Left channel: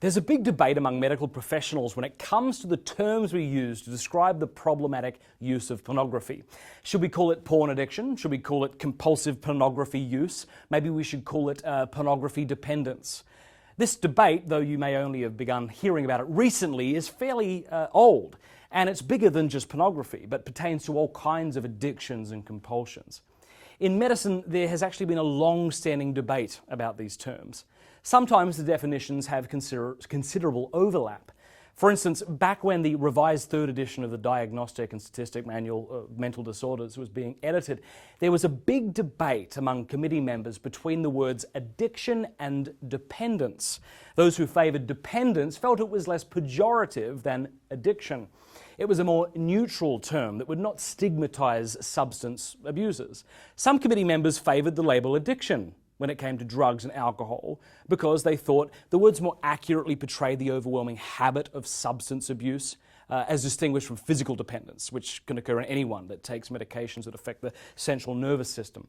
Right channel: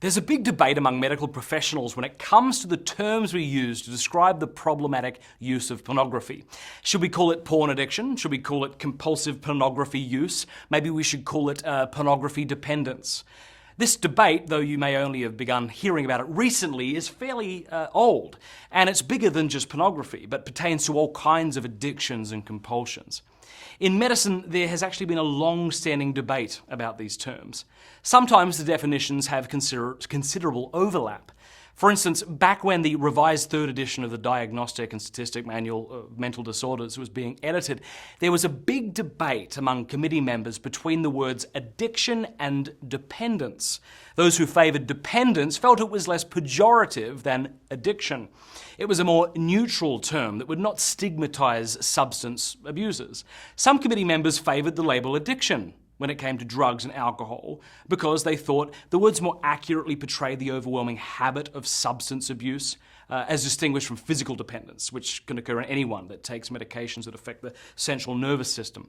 There's a big debate among medical professionals when it comes to the terms we use to describe the problematic use of pornography. Should we call it porn addiction? Should we call it compulsive pornography use? Maybe we should call it pornography dependence. This debate, though you may only have begun hearing about it recently, is fairly old, and it's bigger than just pornography, but pertains to all kinds of addictions and compulsions. In medicine, there has actually been a long-standing debate about these terms. Sometimes the definitions have considerable overlap. For instance, back when the revised third edition of the Diagnostic and Statistic Manual of Mental Disorders was being edited, there was a big debate among committee members between the words addiction and dependence. Those who favoured dependence felt it was less pejorative than addiction. It was a more neutral term that would not stigmatise substance abusers. Some committee members favoured the label addiction when it came to drugs and alcohol because they thought the words more accurately portrayed the overwhelming habit of substance abuse as distinguished from physical dependence, which can occur in anyone that takes medications that affect the central nervous system.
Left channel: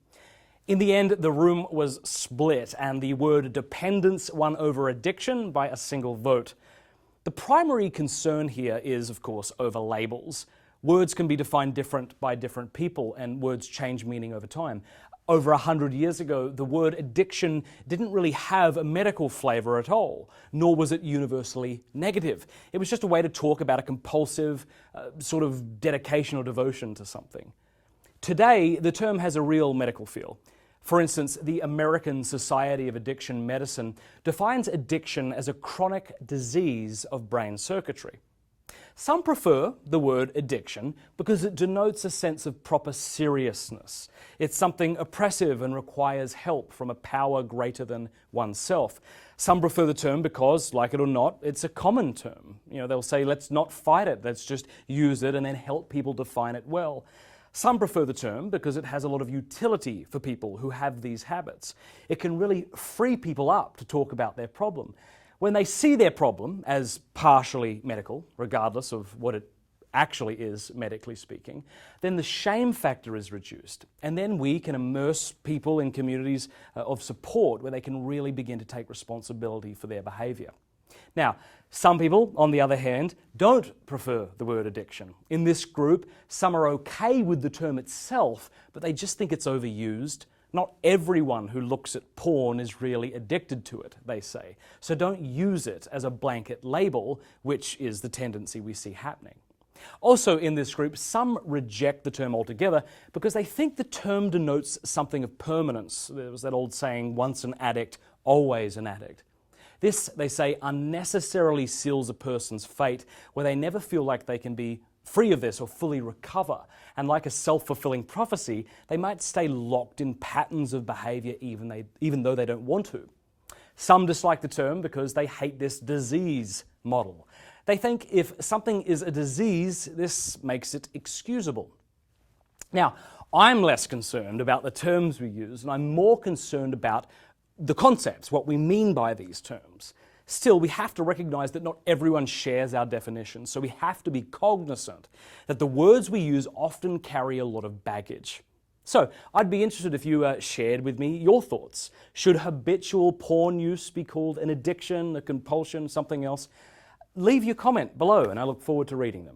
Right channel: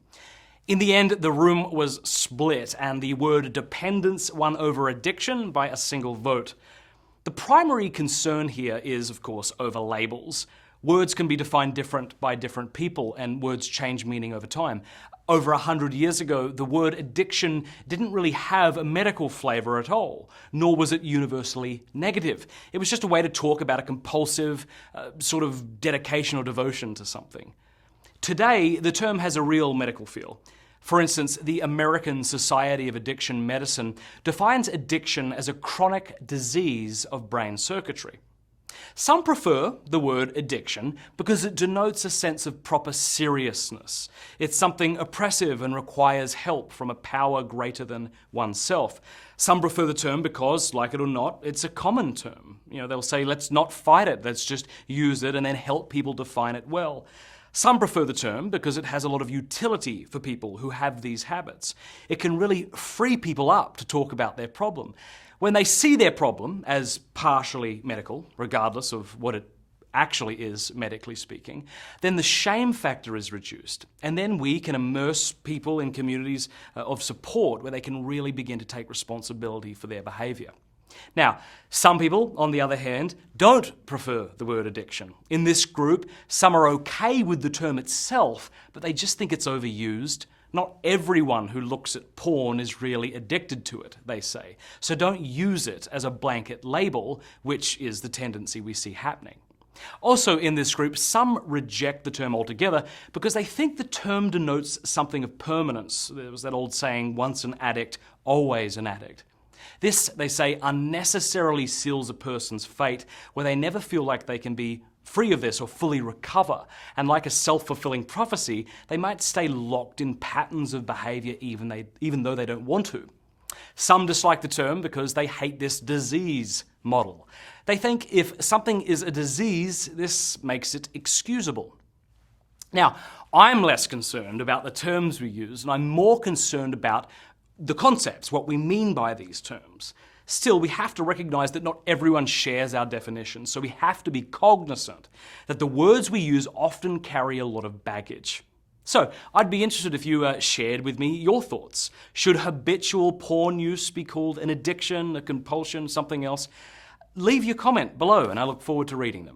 In the end, the room was split and the word dependence won over addiction by a single vote. The primary concern here is, of course, over labels. Words can be defined by different people, and words change meaning over time. Over 100 years ago, the word addiction didn't really have a medical flavour at all, nor was it universally negative. It was just a way to talk about a compulsive sort of dedication or devotion to something. Today, the term has a real medical feel. For instance, the American Society of Addiction Medicine defines addiction as a chronic disease of brain circuitry. Some prefer the word addiction because it denotes a sense of proper seriousness. It's something oppressive and requires help from a power greater than oneself. Some prefer the term because, like it or not, it's a common term. They'll say, let's not fight it, let's just use it and then help people define it well. Some prefer the term because it has a lot of utility for people who have these habits. It can really free people up to talk about their problem. When they see their problem as partially medical, regardless of what it actually is, medically speaking, then the shame factor is reduced. And then we can immerse people in communities of support where they can really begin to take responsibility for their behaviour. Now, some people, on the other hand, don't prefer the word addiction. In this group, some are okay with the term itself, but they just think it's overused. Not everyone who looks at porn is really addicted to it, they say. So don't use it as a blanket label, which is the tendency we see happening. Also in this group, some reject the term altogether because they think the term denotes something of permanence. There was that old saying, once an addict, always an addict. This, they say, unnecessarily seals a person's fate where they never feel like they can be free of this or fully recover. And like a self-fulfilling prophecy, they might stay locked in patterns of behaviour even though they don't want to. Some dislike the term because they hate this disease model. They think if something is a disease, this makes it excusable. Now, I'm less concerned about the terms we use, and I'm more concerned about the concepts, what we mean by these terms. Still, we have to recognise that not everyone shares our definitions, so we have to be cognizant that the words we use often carry a lot of baggage. So, I'd be interested if you shared with me your thoughts. Should habitual porn use be called an addiction, a compulsion, something else? Leave your comment below and I look forward to reading them.